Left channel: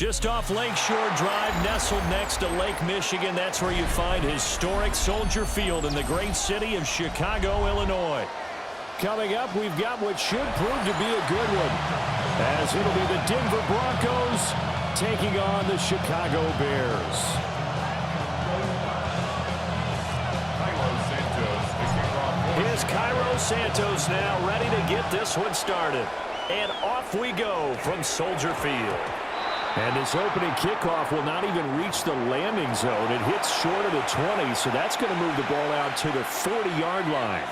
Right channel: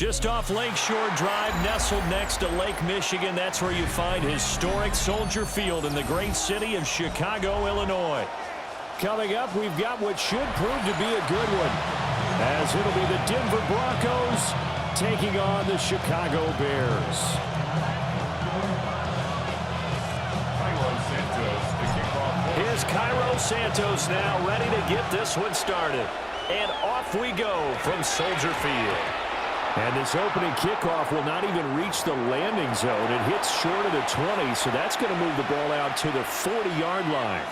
Just off Lakeshore Drive, nestled next to Lake Michigan. That's where you find historic Soldier Field in the great city of Chicago, Illinois. Coming up, we've got what should prove to be a good one, as it'll be the Denver Broncos taking on the Chicago Bears. Here's Cairo Santos now ready to get this one started. And off we go from Soldier Field. And this opening kickoff will not even reach the landing zone. It hits short of the 20, so that's going to move the ball out to the 40-yard line.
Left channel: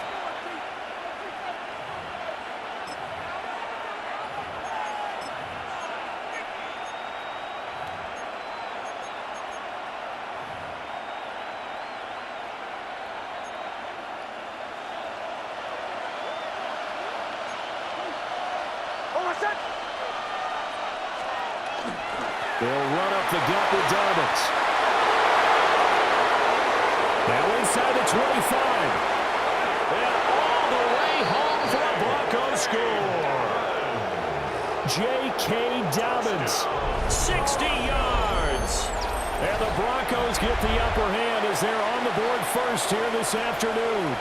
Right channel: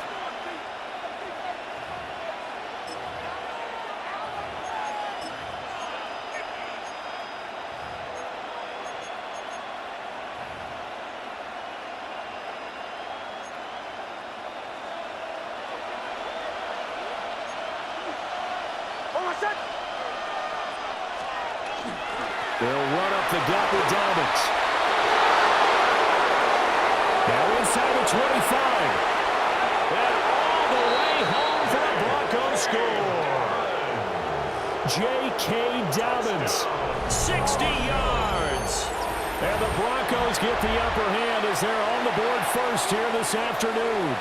They'll run up the gut with Dobbins. Now inside the 25. And all the way home for a Broncos score. J.K. Dobbins, 60 yards. And the Broncos get the upper hand as they're on the board first here this afternoon.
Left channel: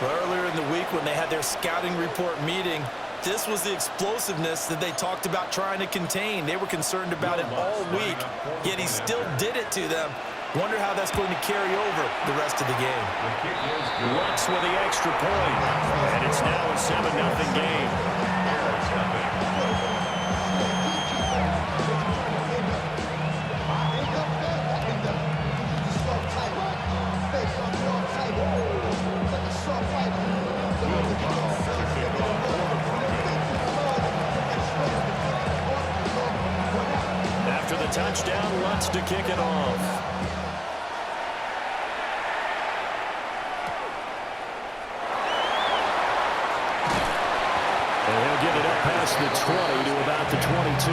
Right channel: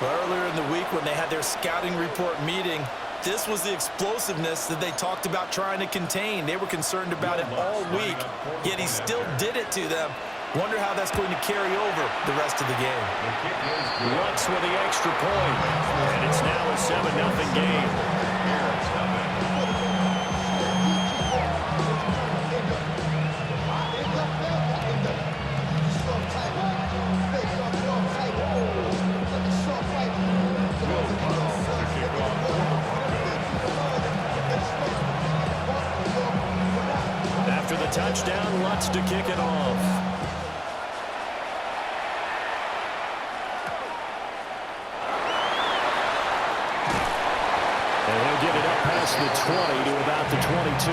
Well, earlier in the week when they had their scouting report meeting, this was the explosiveness that they talked about trying to contain. They were concerned about it all week, yet he still did it to them. Wonder how that's going to carry over the rest of the game. Lutz with the extra point, and it's now a 7-0 game. After the touchdown, Lutz to kick it off. And he'll get it up past the 20 to about the 22.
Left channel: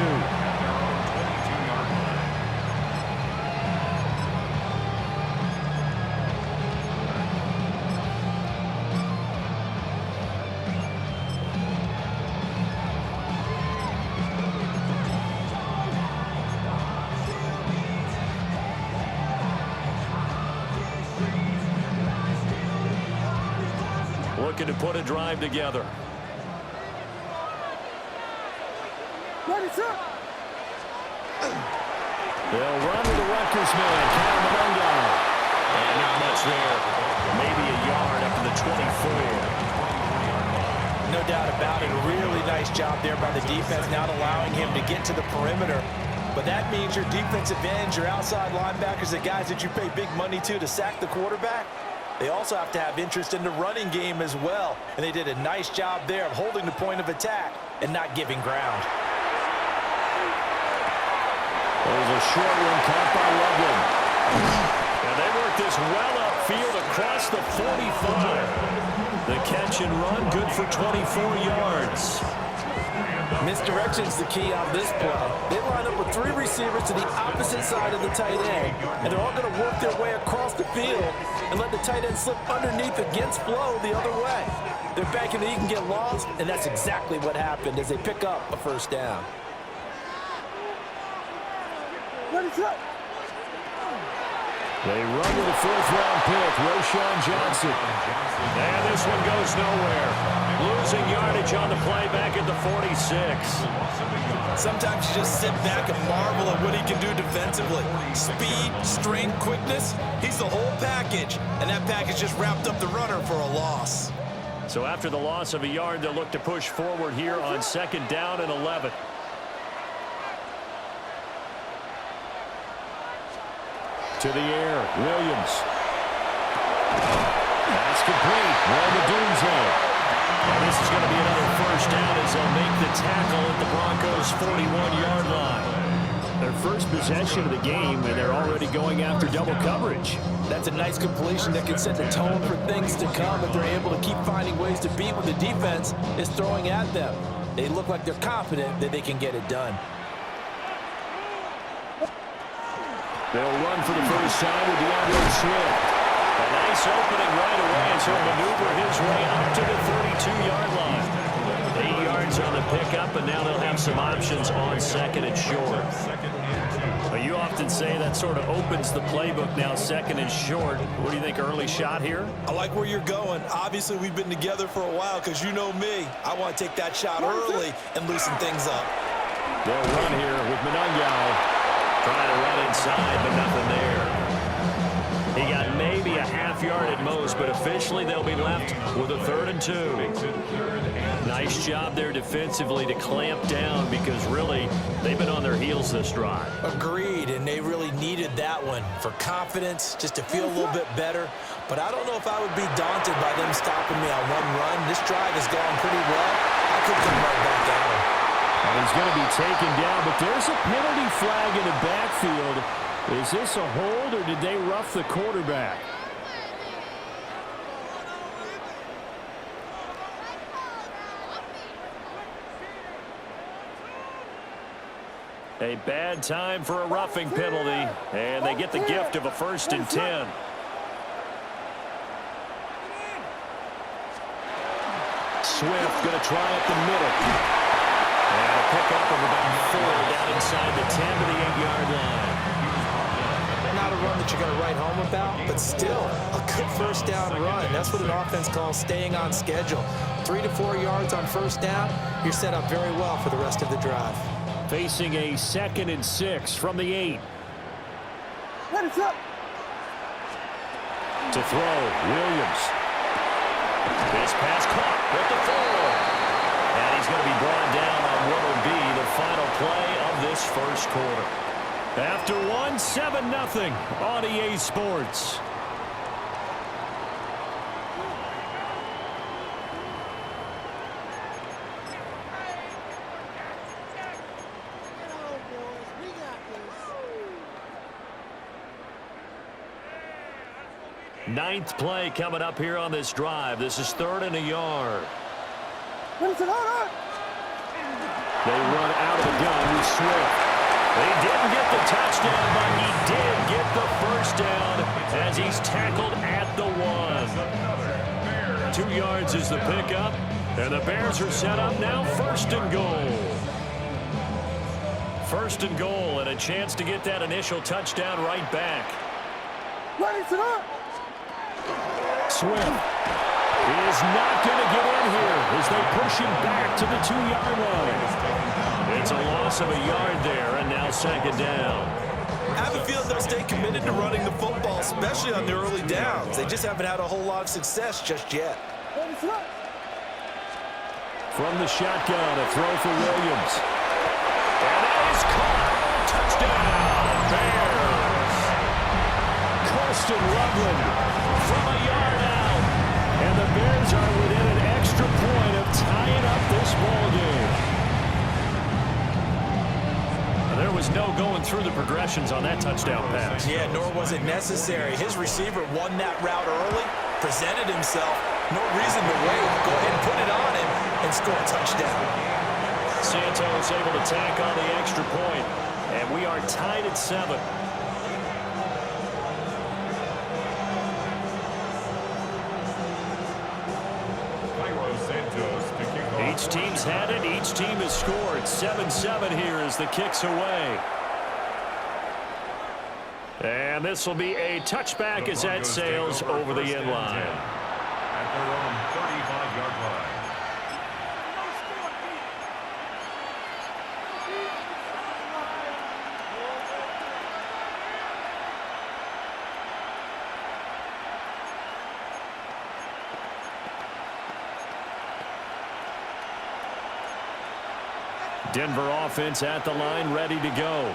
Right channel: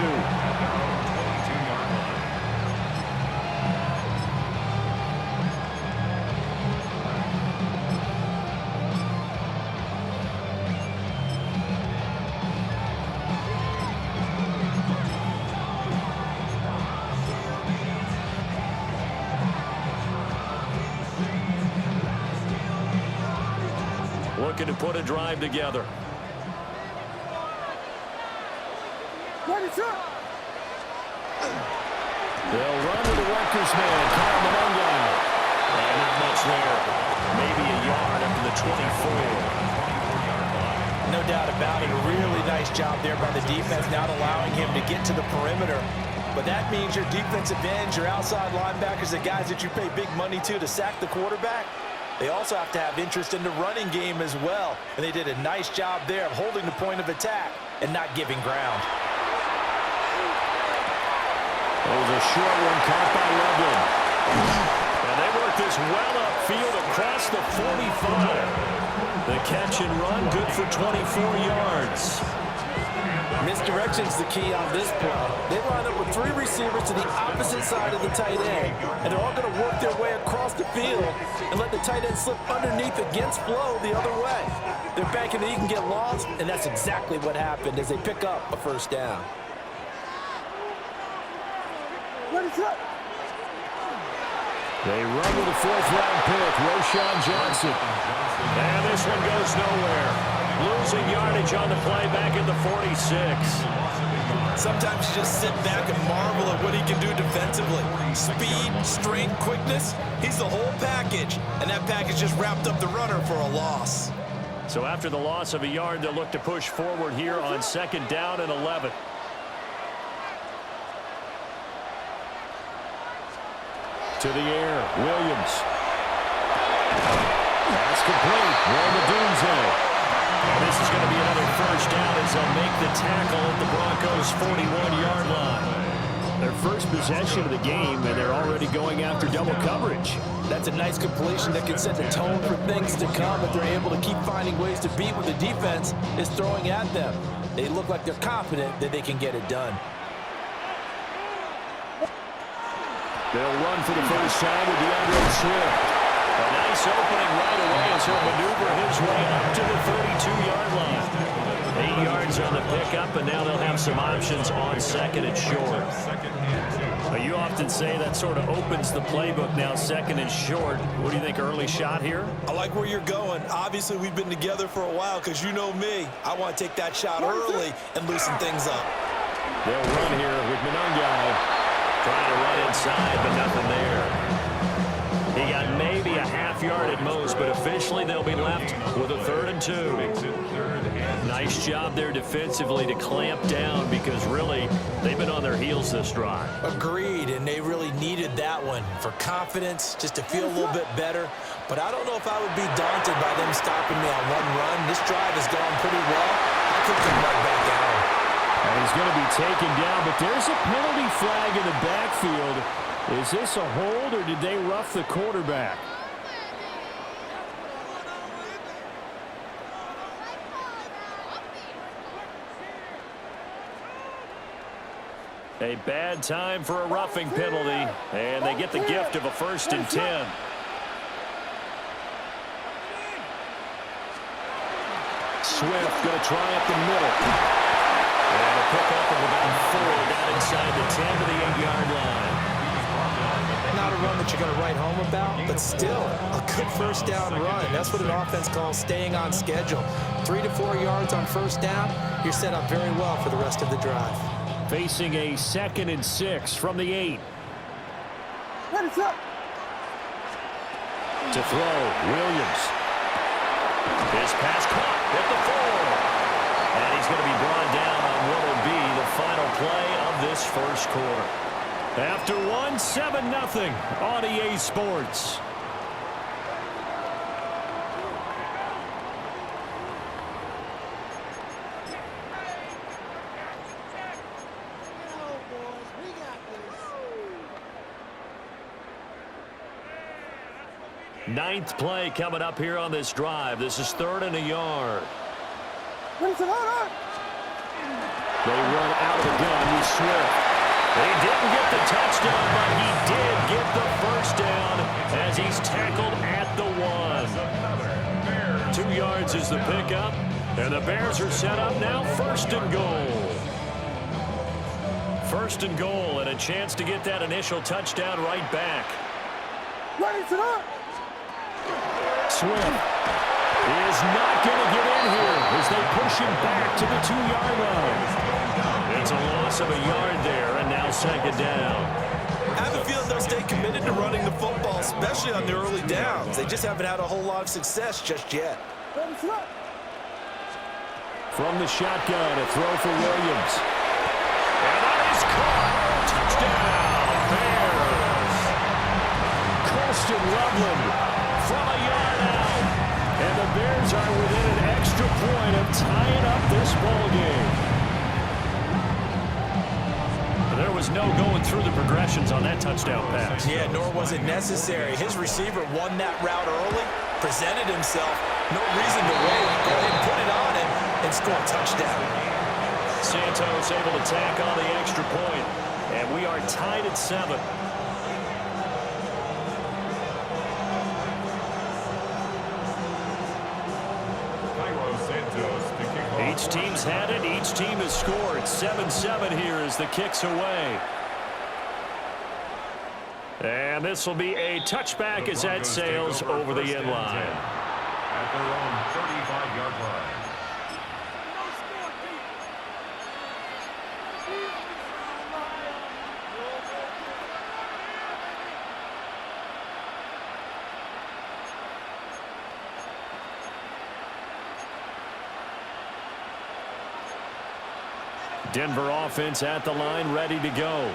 Looking to put a drive together. They'll run with the Rutgers man, Kyle Mononga. And not much there. Maybe a yard up to the 24. No doubt about it. A really nice job there by the defense, not allowing him to get to the perimeter. But that means your defensive ends, your outside linebackers, the guys that you pay big money to sack the quarterback, they also have to have interest in the running game as well. And they did a nice job there of holding the point of attack and not giving ground. There's a short one caught by Loveland. And they work this well upfield across the 45. The catch and run good for 24 yards. Misdirection's the key on this play. They line up with 3 receivers to the opposite side of the tight end, and they're all going to work their way across the field and let the tight end slip underneath against flow the other way. They're banking that he can get lost, and that's exactly what happened as they pick up a first down. They run with a 4th-round pick, Roschon Johnson. And this one goes nowhere. Losing yardage on the play back at the 46. Sometimes you just sit back and marvel at what he can do defensively. Speed, strength, quickness, he's the whole package. And that package just wrapped up the runner for a loss. So after the loss of a yard, they'll look to push forward here on 2nd down and 11. To the air, Williams. That's complete. Romadunze. And this is going to be another first down as they'll make the tackle at the Broncos' 41-yard line. Their first possession of the game, and they're already going after double coverage. That's a nice completion that can set the tone for things to come if they're able to keep finding ways to beat what the defense is throwing at them. They look like they're confident that they can get it done. They'll run for the first time with DeAndre Swift. A nice opening right away as he'll maneuver his way up to the 32-yard line. 8 yards on the pickup, and now they'll have some options on second and short. But you often say that sort of opens the playbook now, second and short. What do you think, early shot here? I like where you're going. Obviously, we've been together for a while because you know me. I want to take that shot early and loosen things up. They'll run here with Manungai. Trying to run inside, but nothing there. He got maybe a half yard at most, but officially they'll be left with a 3rd and 2. Nice job there defensively to clamp down because really they've been on their heels this drive. Agreed, and they really needed that one for confidence, just to feel a little bit better. But I don't know if I would be daunted by them stopping me on one run. This drive has gone pretty well. I could come right back at him. And he's going to be taken down, but there's a penalty flag in the backfield. Is this a hold, or did they rough the quarterback? A bad time for a roughing penalty, and they get the gift of a 1st and 10. Swift going to try up the middle. And a pickup of about 4 down inside the 10 to the 8-yard line. Not a run that you're going to write home about, but still a good 1st down run. That's what an offense calls staying on schedule. 3 to 4 yards on 1st down, you're set up very well for the rest of the drive. Facing a 2nd and 6 from the 8. To throw, Williams. His pass caught at the 4. And he's going to be brought down on what will be the final play of this 1st quarter. After 1, 7-0 on EA Sports. Ninth play coming up here on this drive. This is 3rd and a yard. They run out of the gun with Swift. They didn't get the touchdown, but he did get the 1st down as he's tackled at the 1. 2 yards is the pickup, and the Bears are set up now 1st and goal. 1st and goal, and a chance to get that initial touchdown right back. Swift is not going to get in here as they push him back to the 2-yard line. It's a loss of a yard there, and now 2nd down. I have a feeling they'll stay committed to running the football, especially on the early downs. They just haven't had a whole lot of success just yet. From the shotgun, a throw for Williams. And that is caught. Touchdown, Bears. Colston Loveland from a yard out. And the Bears are within an extra point of tying up this ball game. There was no going through the progressions on that touchdown pass. Yeah, nor was it necessary. His receiver won that route early, presented himself. No reason to wait. Go ahead and put it on him and score a touchdown. Santos able to tack on the extra point, and we are tied at 7. Each team's had it. Each team has scored. 7-7 here as the kick's away. And this will be a touchback as that sails over the end line. At their own 35-yard line. Denver offense at the line, ready to go.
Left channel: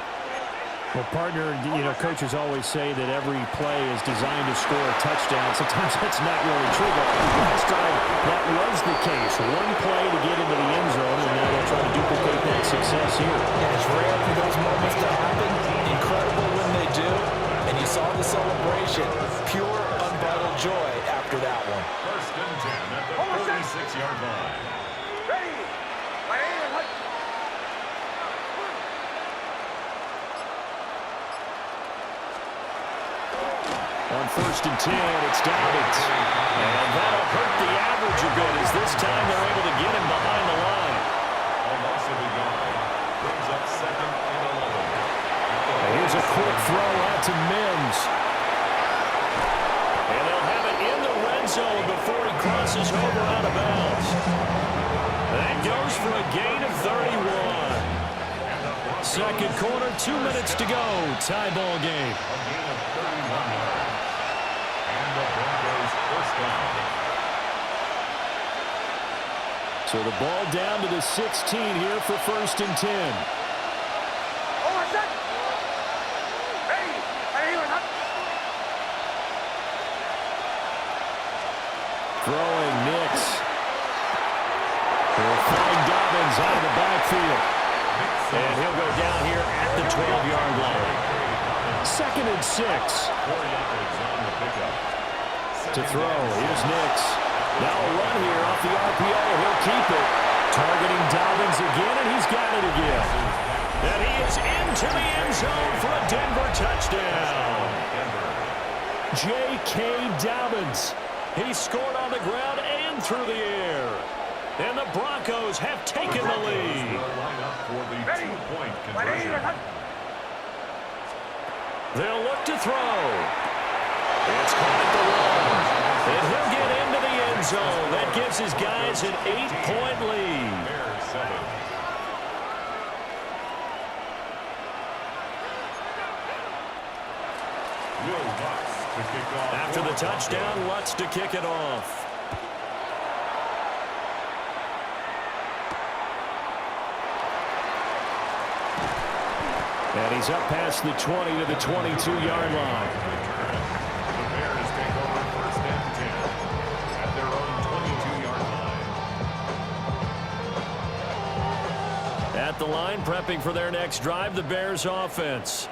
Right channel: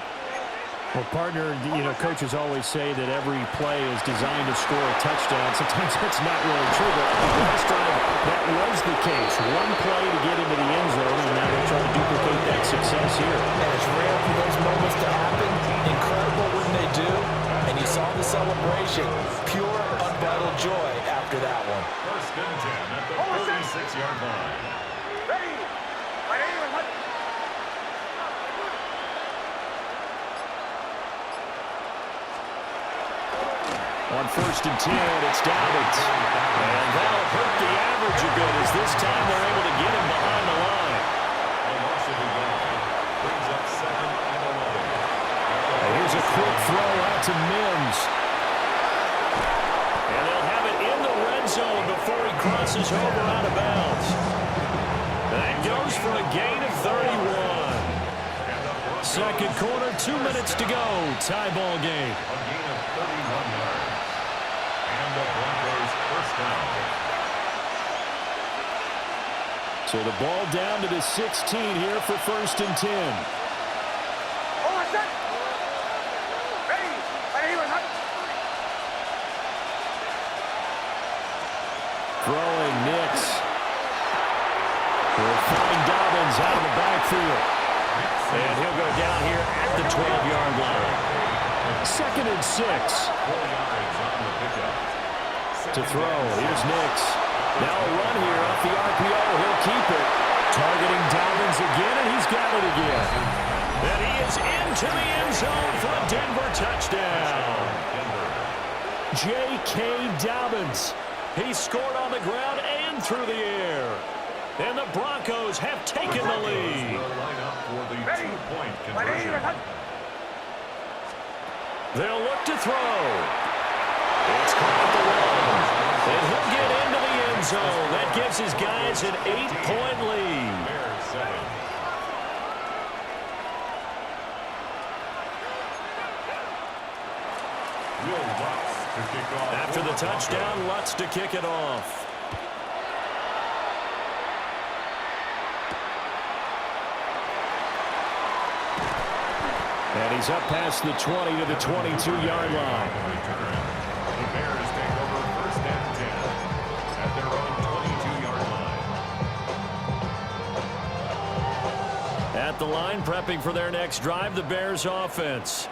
Well, partner, you know, coaches always say that every play is designed to score a touchdown. Sometimes that's not really true, but last drive that was the case. One play to get into the end zone, and now they'll try to duplicate that success here. And it's rare for those moments to happen. Incredible when they do. And you saw the celebration. Pure, unbridled joy after that one. 1st and 10 at the 46-yard line. Ready. On 1st and 10, it's Dobbins. And that'll hurt the average a bit as this time they're able to get him behind the line. A loss of a yard. Brings up 2nd and 11. And here's a quick throw out to Mims. And they'll have it in the red zone before he crosses over out of bounds. That goes for a gain of 31. Second quarter, 2 minutes to go. Tie ball game. A gain of 31 yards. And the Broncos first down. So the ball down to the 16 here for 1st and 10. Throwing Nix. He'll find Dobbins out of the backfield. And he'll go down here at the 12-yard line. 2nd and 6. 4 yards on the pickup. To throw, here's Nix. Now a run here off the RPO. He'll keep it. Targeting Dobbins again, and he's got it again. And he is into the end zone for a Denver touchdown. J.K. Dobbins. He scored on the ground and through the air. And the Broncos have taken the lead. Line up for the 2-point conversion. They'll look to throw. It's caught at the 1. And he'll get into the end zone. That gives his guys an 8-point lead. Bears 7. Will Lutz to kick off. After the touchdown, Lutz to kick it off. And he's up past the 20 to the 22-yard line. Return. The Bears take over 1st and 10 at their own 22-yard line. At the line, prepping for their next drive, the Bears offense.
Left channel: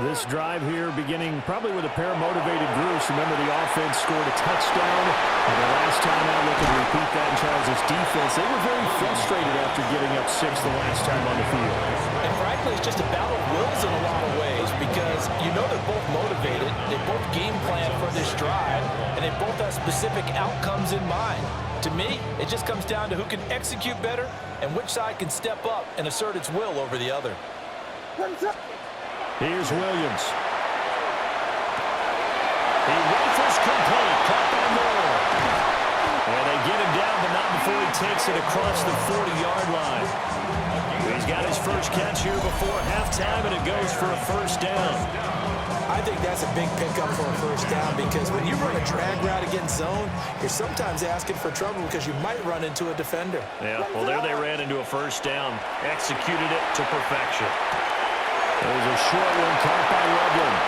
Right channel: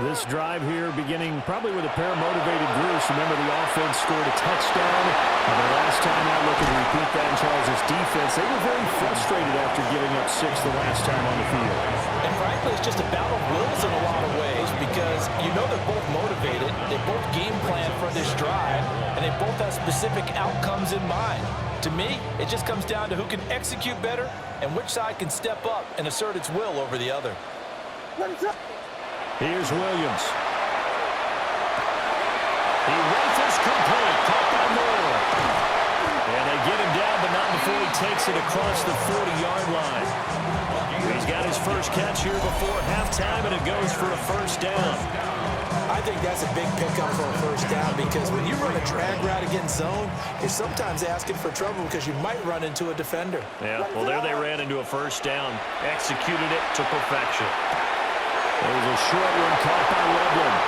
This drive here beginning probably with a pair of motivated groups. Remember, the offense scored a touchdown. And their last time out, looking to repeat that in Charles' defense. They were very frustrated after giving up 6 the last time on the field. And frankly, it's just a battle of wills in a lot of ways because you know they're both motivated. They both game plan for this drive, and they both have specific outcomes in mind. To me, it just comes down to who can execute better and which side can step up and assert its will over the other. Here's Williams. He rifles complete, caught by Moore. And they get him down, but not before he takes it across the 40-yard line. He's got his first catch here before halftime, and it goes for a first down. I think that's a big pickup for a first down because when you run a drag route against zone, you're sometimes asking for trouble because you might run into a defender. Yeah, well, there they ran into a first down, executed it to perfection. There's a short one caught by Loveland.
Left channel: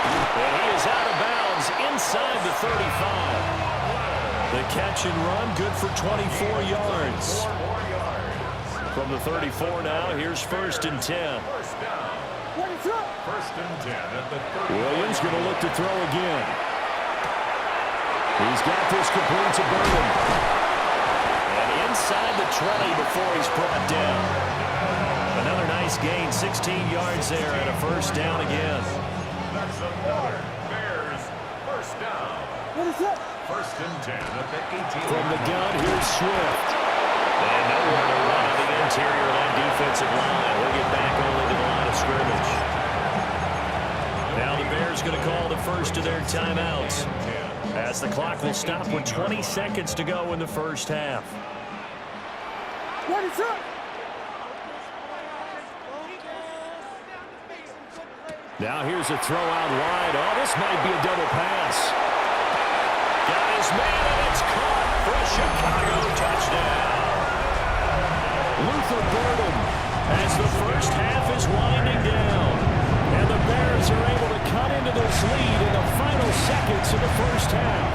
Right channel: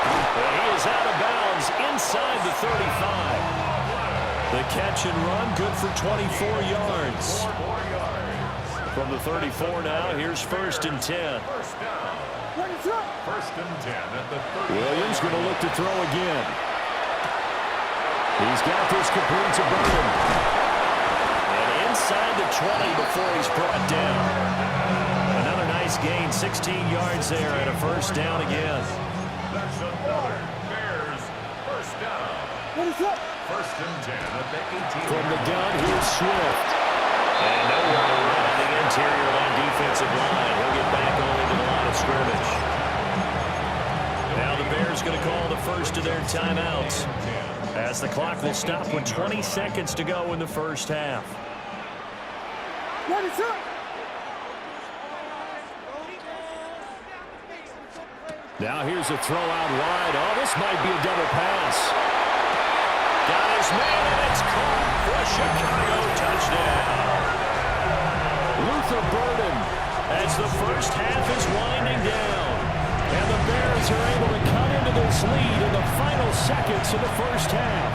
And he is out of bounds inside the 35. The catch and run, good for 24 yards. 4 more yards. From the 34 now, here's 1st and 10. First down. 1st and 10 at the 30. Williams going to look to throw again. He's got this complete to Burton. And inside the 20 before he's brought down. Another nice gain, 16 yards there, and a first down again. That's another Bears first down. 1st and 10 at the 18. From the gun, here's Swift. And nowhere to run on the interior of that defensive line. He'll get back only to the line of scrimmage. Now the Bears going to call the first of their timeouts, as the clock will stop with 20 seconds to go in the first half. Now here's a throw out wide. Oh, this might be a double pass. Got his man, and it's caught for a Chicago touchdown. Luther Burden, as the first half is winding down. And the Bears are able to cut into this lead in the final seconds of the first half.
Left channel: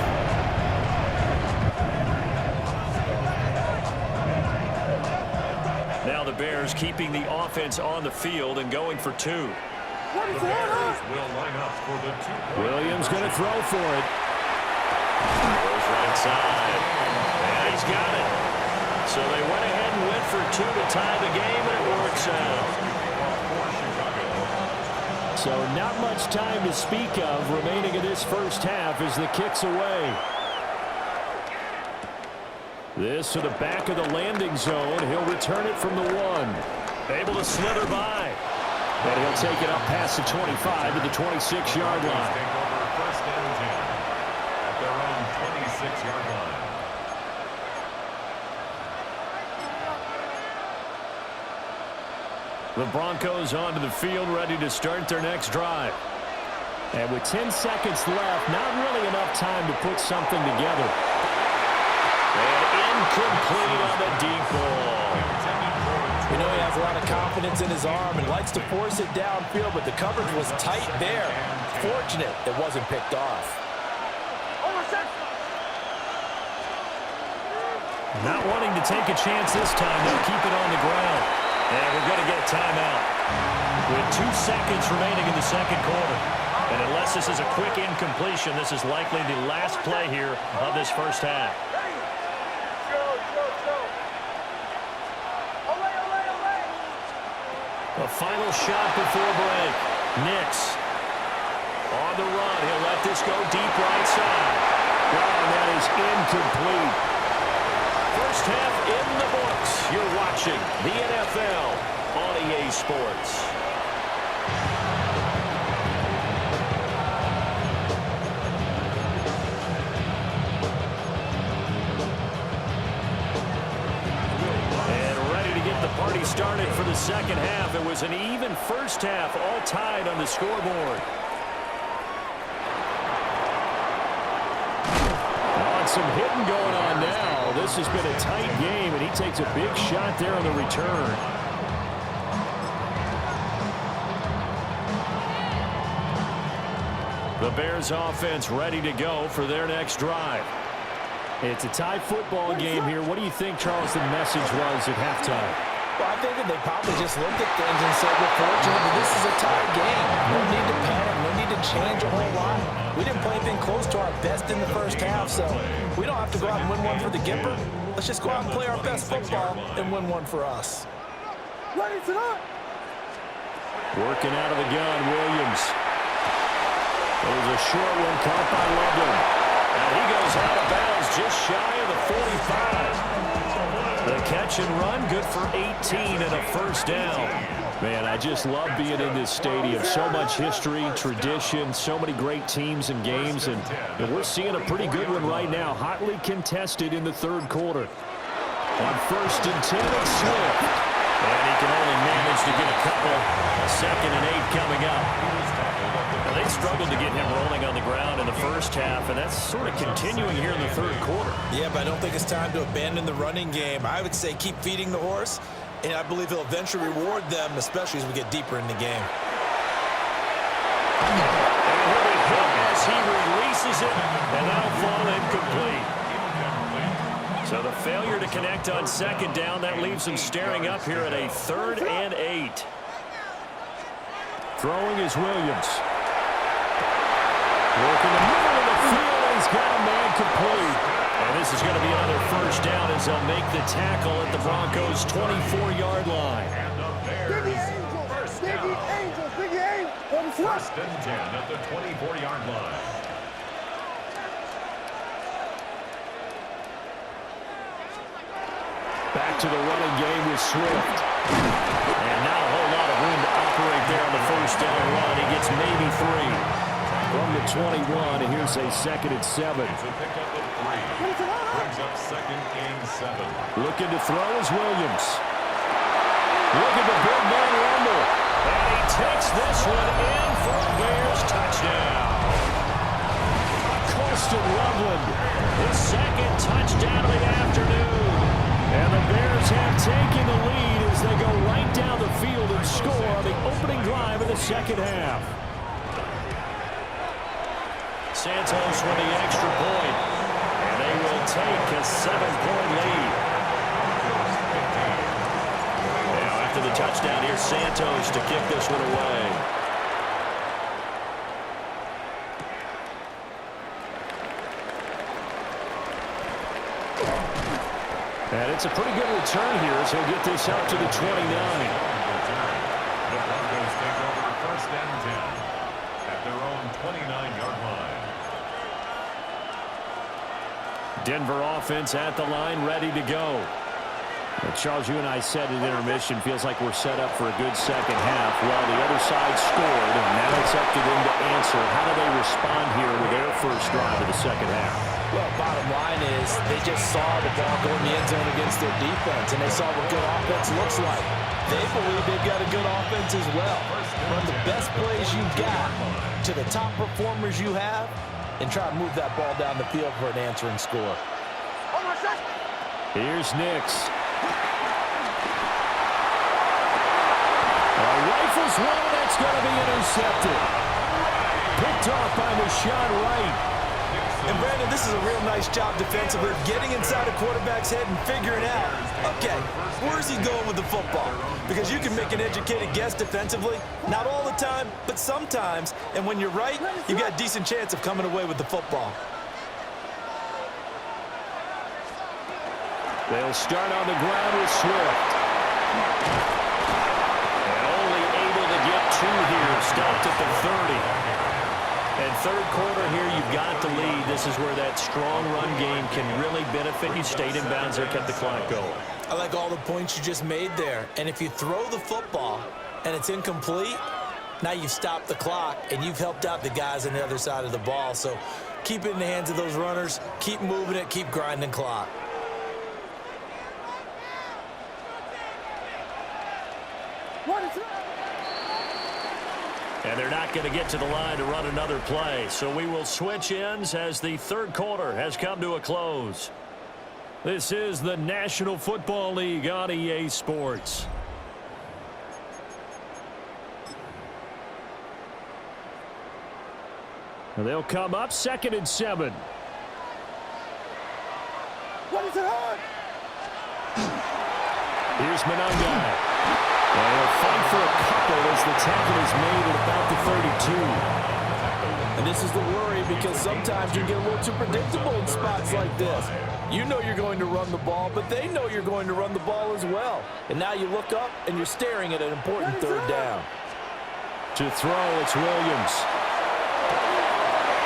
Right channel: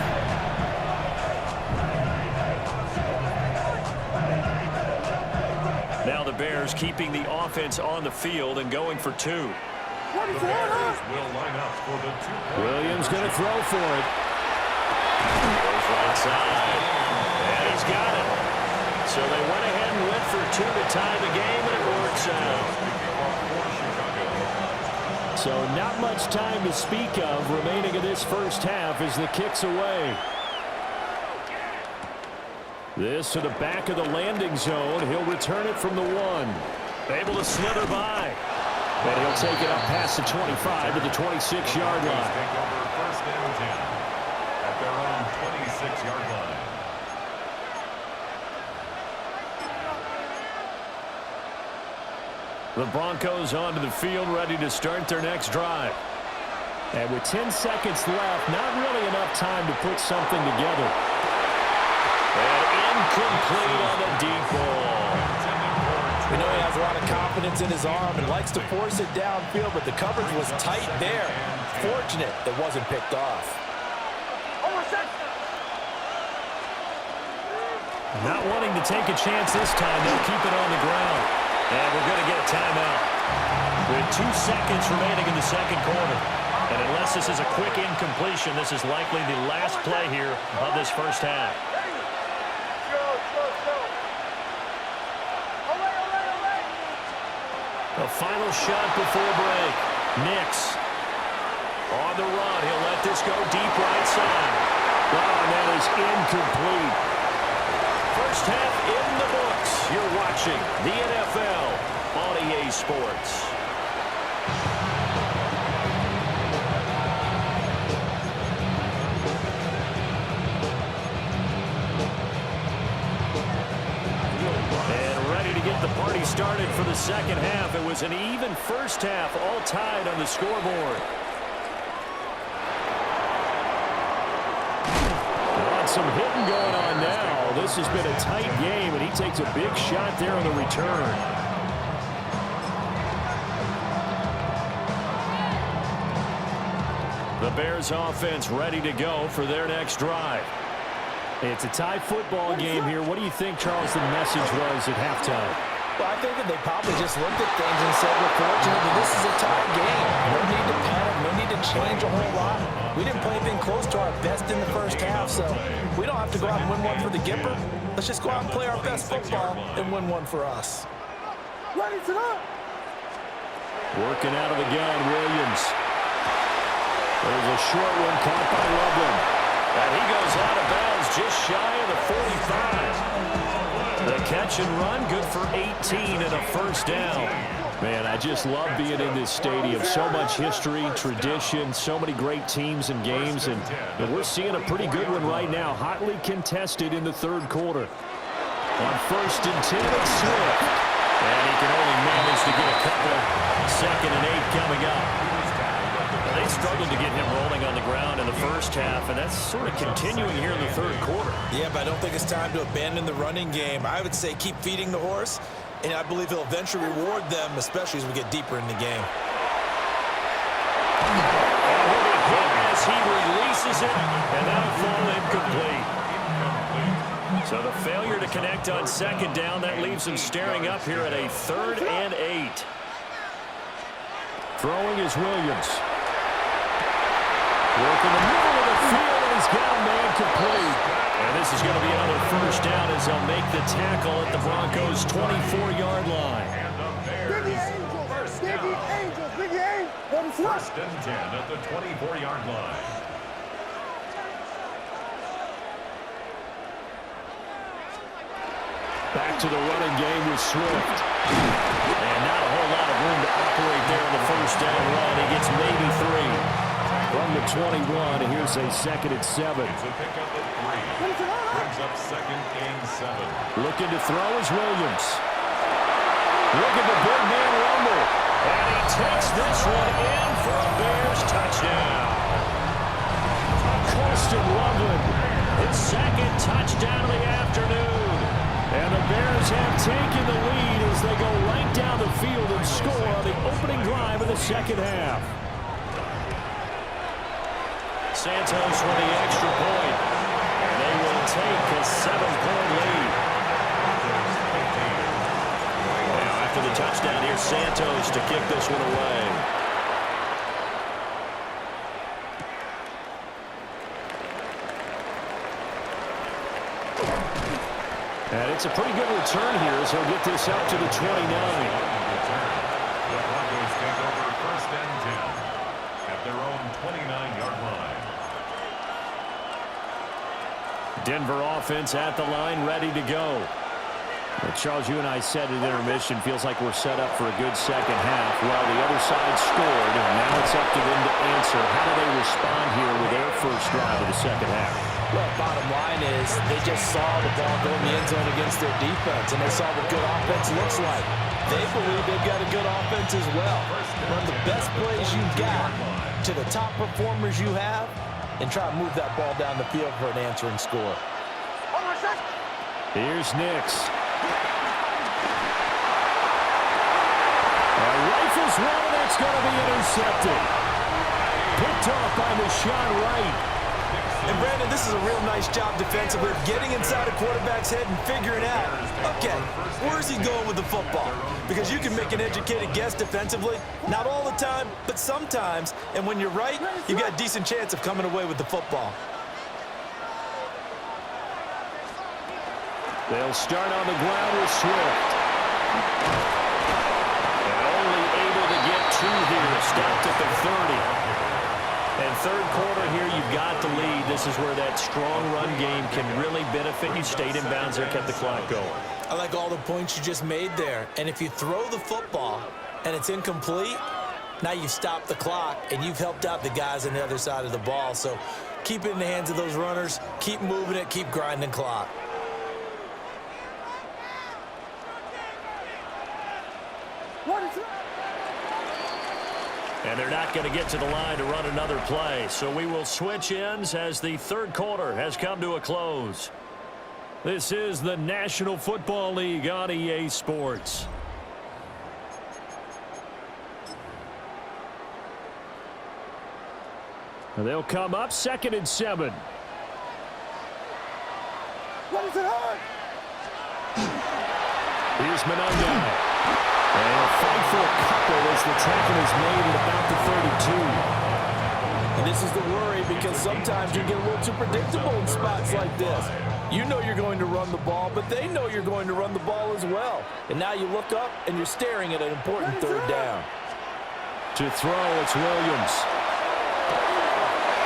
Now the Bears keeping the offense on the field and going for 2. The Bears will line up for the 2-point. Williams going to throw for it. Goes right side. And he's got it. So they went ahead and went for 2 to tie the game, and it works out. So not much time to speak of remaining in this first half as the kick's away. This to the back of the landing zone. He'll return it from the 1. Able to slither by. And he'll take it up past the 25 to the 26-yard line. Take over 1st and 10 at their own 26-yard line. The Broncos onto the field, ready to start their next drive. And with 10 seconds left, not really enough time to put something together. And incomplete on the deep ball. We know he has a lot of confidence in his arm and likes to force it downfield, but the coverage was tight there. Fortunate it wasn't picked off. Not wanting to take a chance this time, they'll keep it on the ground. And we're going to get a timeout with 2 seconds remaining in the second quarter. And unless this is a quick incompletion, this is likely the last play here of this first half. The final shot before break. Nix on the run. He'll let this go deep right side. Oh, and that is incomplete. First half in the books. You're watching the NFL on EA Sports. And ready to get the party started for the second half. It was an even first half, all tied on the scoreboard. Some hitting going on now. This has been a tight game, and he takes a big shot there on the return. The Bears offense ready to go for their next drive. It's a tie football game here. What do you think, Charles, the message was at halftime? Well, I think that they probably just looked at things and said, we're fortunate that this is a tie game. No need to panic, no need to change a whole lot. We didn't play anything close to our best in the first half, so we don't have to go out and win one for the Gipper. Let's just go out and play our best football and win one for us. Ready to go. Working out of the gun, Williams. There's a short one caught by Loveland. And he goes out of bounds just shy of the 45. The catch and run, good for 18 and a first down. Man, I just love being in this stadium. So much history, tradition, so many great teams and games. And we're seeing a pretty good one right now, hotly contested in the third quarter. On 1st and 10, it's Swift. And he can only manage to get a couple. 2nd and 8 coming up. Now, they struggled to get him rolling on the ground in the first half, and that's sort of continuing here in the third quarter. Yeah, but I don't think it's time to abandon the running game. I would say keep feeding the horse, and I believe he'll eventually reward them, especially as we get deeper in the game. And he'll be hit as he releases it, and that'll fall incomplete. So the failure to connect on 2nd down, that leaves him staring up here at a 3rd and 8. Throwing is Williams. Working the middle of the field, and he's got a man complete. And this is going to be another first down as they'll make the tackle at the Broncos' 24-yard line. And the Bears, first down. 1st and 10 at the 24-yard line. Back to the running game with Swift. And not a whole lot of room to operate there on the first down run. He gets maybe 3. From the 21, and here's a 2nd and 7. It's a pickup of 3. Brings up 2nd and 7. Looking to throw is Williams. Look at the big man rumble. And he takes this one in for a Bears touchdown. Colston Loveland, his 2nd touchdown of the afternoon. And the Bears have taken the lead as they go right down the field and score on the opening drive of the second half. Santos with the extra point, and they will take a 7-point lead. Now, after the touchdown, here's Santos to kick this one away. And it's a pretty good return here as he'll get this up to the 29. The Broncos take over first and 10 at their own 29-yard line. Denver offense at the line, ready to go. Well, Charles, you and I said at intermission, feels like we're set up for a good second half. Well, the other side scored, and now it's up to them to answer. How do they respond here with their first drive of the second half? Well, bottom line is they just saw the ball go in the end zone against their defense, and they saw what good offense looks like. They believe they've got a good offense as well. Run the best plays you've got to the top performers you have, and try to move that ball down the field for an answering score. Here's Nix. Rifles one, and that's going to be intercepted. Picked off by Deshaun Wright. And Brandon, this is a real nice job defensively of getting inside a quarterback's head and figuring out, okay, where's he going with the football? Because you can make an educated guess defensively, not all the time, but sometimes. And when you're right, you've got a decent chance of coming away with the football. They'll start on the ground with Swift. And only able to get two here. Stopped at the 30. And third quarter here, you've got the lead. This is where that strong run game can really benefit you. Stayed in bounds there, kept the clock going. I like all the points you just made there. And if you throw the football and it's incomplete, now you've stopped the clock and you've helped out the guys on the other side of the ball. So keep it in the hands of those runners. Keep moving it. Keep grinding clock. And they're not going to get to the line to run another play. So we will switch ends as the third quarter has come to a close. This is the National Football League on EA Sports. And they'll come up 2nd and 7. What is it on? Here's Monangai. And he'll fight for a couple as the tackle is made at about the 32. And this is the worry because sometimes you get a little too predictable in spots like this. You know you're going to run the ball, but they know you're going to run the ball as well. And now you look up and you're staring at an important third down. To throw, it's Williams.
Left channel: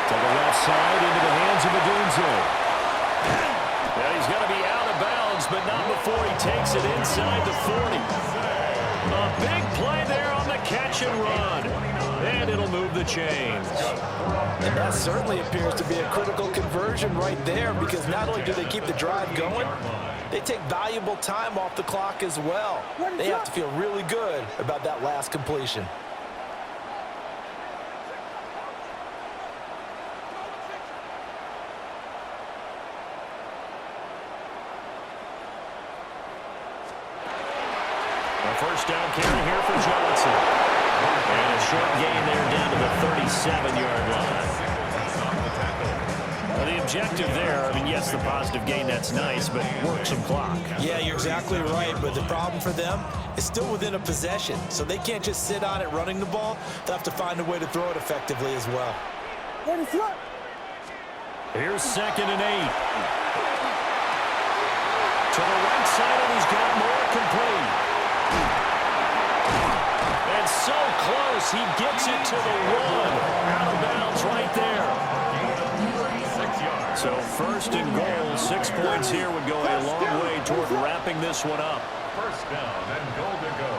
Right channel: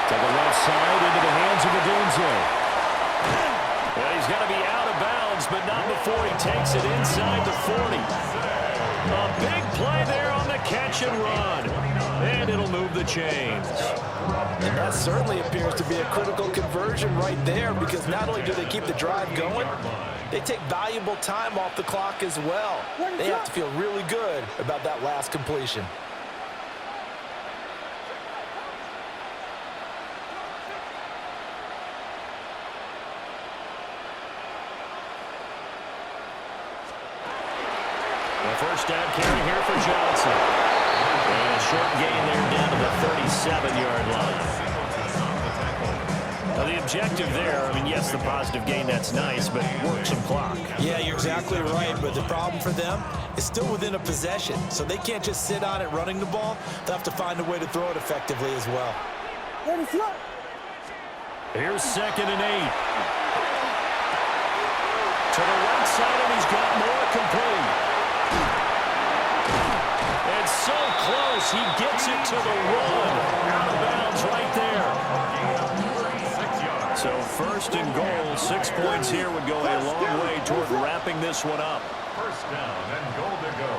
To the left side into the hands of Odunze. Yeah, he's going to be out of bounds, but not before he takes it inside the 40. A big play there on the catch and run. And it'll move the chains. And that certainly appears to be a critical conversion right there because not only do they keep the drive going, they take valuable time off the clock as well. They have to feel really good about that last completion. A first down carry here for Johnson. And a short gain there down to the 37-yard line. Now the objective there, I mean, yes, the positive gain, that's nice, but work some clock. Yeah, you're exactly right, but the problem for them is still within a possession, so they can't just sit on it running the ball. They'll have to find a way to throw it effectively as well. Here's 2nd and 8. To the right side, and he's got more complete. And so close, he gets it to the run. Out of bounds right there. So 1st and goal, 6 points here would go a long way toward wrapping this one up. First down and goal to go.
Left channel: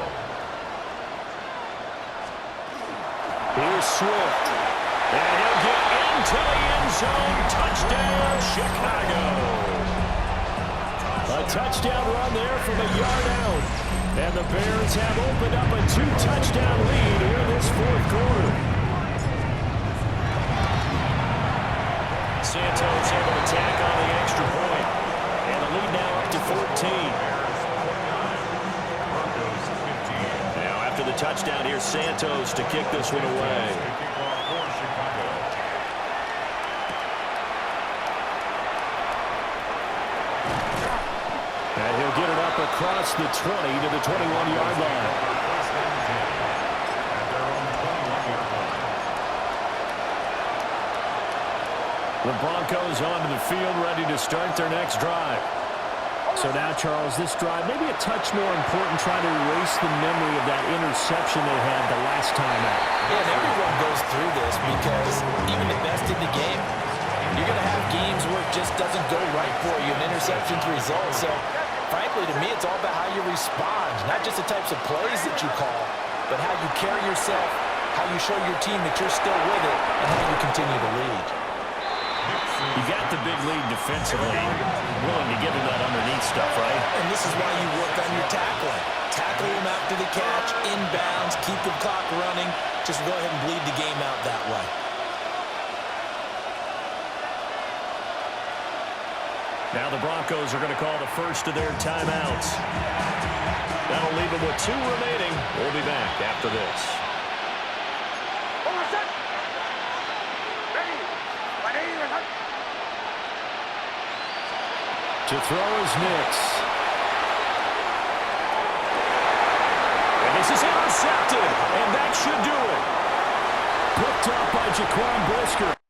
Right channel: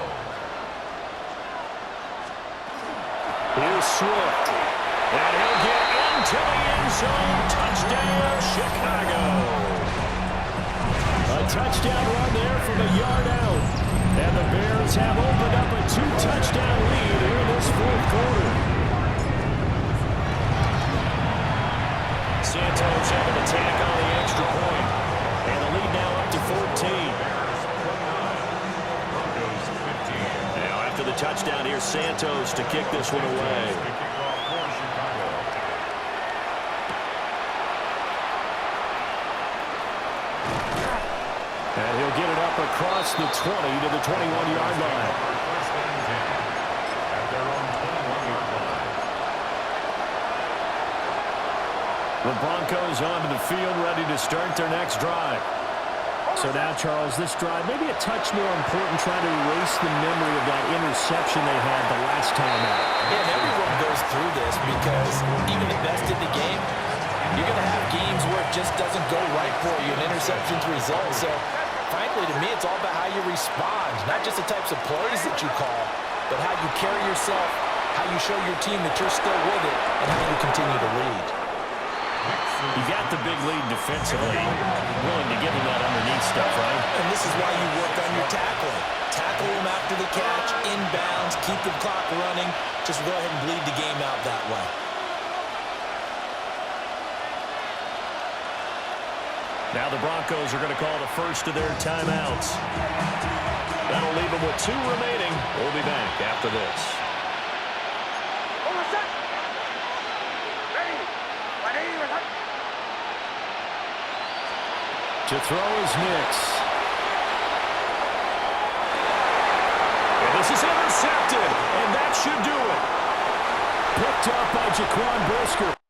Here's Swift. And he'll get into the end zone. Touchdown, Chicago. A touchdown run there from a yard out. And the Bears have opened up a 2-touchdown lead here in this fourth quarter. Santos able to tack on the extra point. And the lead now up to 14. Now after the touchdown, here's Santos to kick this one away. And he'll get it up across the 20 to the 21-yard line. The Broncos onto the field, ready to start their next drive. So now, Charles, this drive maybe a touch more important, trying to erase the memory of that interception they had the last time out. Yeah, and everyone goes through this because even the best in the game, you're going to have games where it just doesn't go right for you, and interceptions result. So, frankly, to me, it's all about how you respond, not just the types of plays that you call, but how you carry yourself, how you show your team that you're still with it, and how you continue to lead. You got the big lead defensively, willing to give them that underneath stuff, right? And this is why you work on your tackling. Tackle them after the catch, inbounds, keep the clock running. Just go ahead and bleed the game out that way. Now the Broncos are going to call the first of their timeouts. That'll leave them with 2 remaining. We'll be back after this. To throw is Nix. And this is intercepted, and that should do it. Picked up by Jaquan Brisker.